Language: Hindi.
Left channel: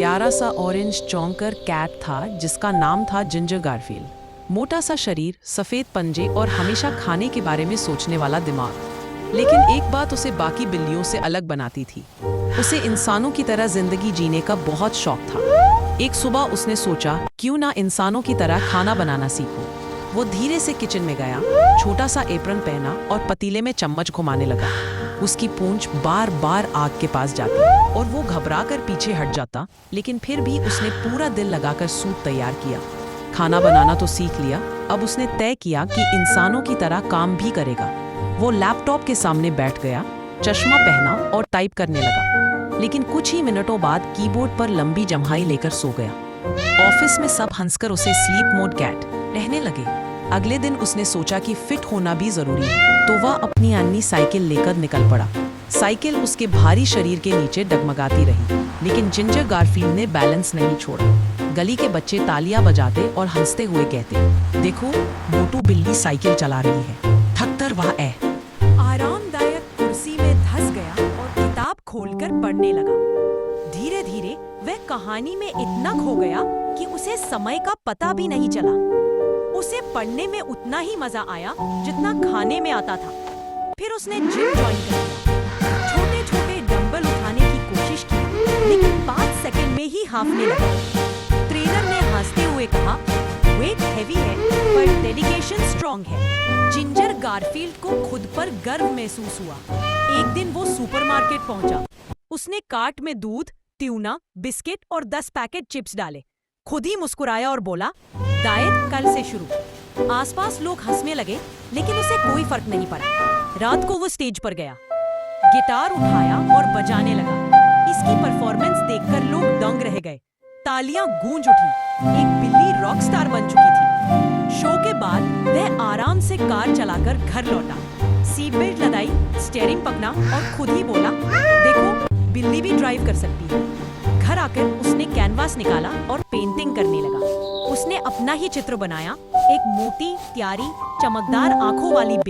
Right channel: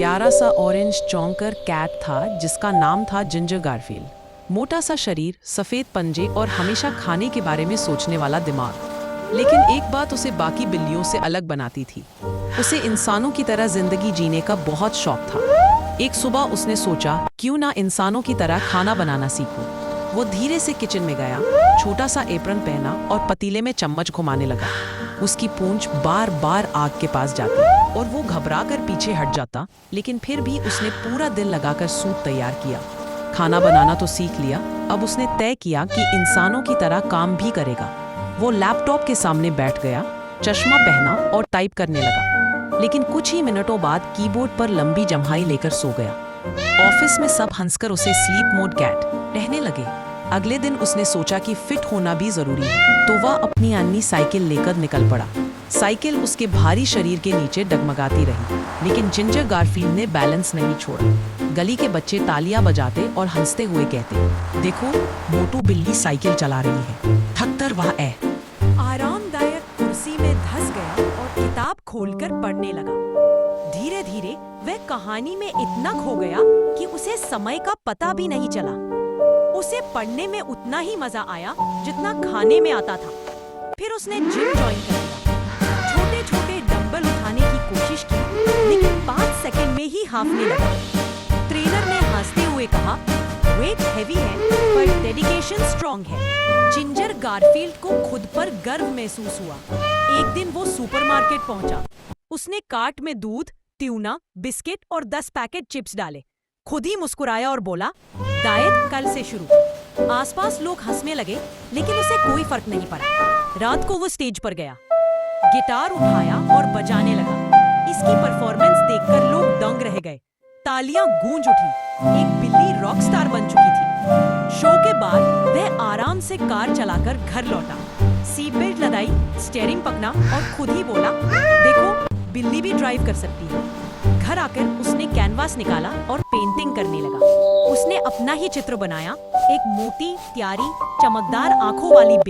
प्यारा सा ऑरेंज चौंकर कैट था जिसका नाम था जिंजर गारफील्ड। मोटा सा शरीर, सफ़ेद पंजे और हमेशा खाने के बारे में सोचने वाला दिमाग। लेकिन एक बात उसे बाकी बिल्लियों से अलग बनाती थी। उसे इंसानों की तरह जिंदगी जीने का बहुत शौक था। एक सुबह उसने सोचा, क्यों ना इंसानों की तरह खाना बनाना सीखूं। वो धीरे से किचन में गया, छोटा सा एप्रन पहना और पतीले में चम्मच घुमाने लगा। उसकी पूंछ बार बार आग के पास जाती और वो घबरा कर पीछे हट जाता, लेकिन फिर भी उसने पूरा दिल लगाकर सूप तैयार किया। खाना बनाना तो सीख लिया, अब उसने तय किया कि इंसानों की तरह काम भी करेगा। वो लैपटॉप के सामने बैठ गया, चश्मा पहना और टाइप करने लगा। लेकिन कुछ ही मिनटों बाद कीबोर्ड पर लंबी जम्हाई लेकर सो गया। ऑफिस में सब हंसकर उसे स्लीप मोड कैट कहने लगे। अगले दिन उसने सोचा कि फिट होना भी जरूरी है, तो वह अपनी अन्नी साइकिल लेकर निकल पड़ा। साइकिल उसके भारी शरीर के नीचे डगमगाती रही, लेकिन जिंजर गारफील्ड ने बैलेंस नहीं छोड़ा। गली के बच्चे तालियां बजाते और हंसते हुए कहते, देखो मोटू बिल्ली साइकिल चला रही है, थकतर वह है। आरामदायक कुर्सी में धंस गया और किताब खोलकर पढ़ने लगा। धीरे धीरे वह कहानी में इतना खो गया कि उसे समय का पता भी नहीं चला। उसे पढ़ने में उतना ही मजा आया जितना खाने में आता था। फिर उसने जिम ज्वाइन कर लिया। छोटे छोटे डंबल उठाने की कोशिश की, लेकिन 5 सेकंड में ही हांफने लगा। ट्रेनर ने हंसते हुए कहा, वेट हैवी है पर डेडिकेशन स्ट्रॉन्ग है। जिंजर गारफील्ड को खुद पर गर्व महसूस हुआ। एक दिन वो सुपरमार्केट पहुंचा। उसने कार्ट में दूध, ट्यूना, बिस्किट और 10 पैकेट चिप्स डाले। खुद ही मुस्कुराया और बोला, डाइट कल से शुरू। आसपास लोग हंसने लगे, लेकिन उसे कोई फर्क नहीं पड़ा। रात को वो स्टेज पर गया, गिटार उठाया और बजाने लगा। इसकी परफॉर्मेंस देखकर लोग दंग रह गए। तालियां गूंज उठी। एक बिल्ली रॉक स्टार बन चुकी थी। शो के बाद वह आराम से कार चलाकर घर लौटा। सीट बेल्ट लगाई, स्टीयरिंग पकड़ा और खुद ही बोला, देखो बिल्ली भी ड्राइव कर सकती है। घर आकर उसने कैनवास निकाला और पेंटिंग करने लगा। उसने अपना ही चित्र बनाया, एक मोटी, प्यारी, चमकदार आंखों वाली बिल्ली।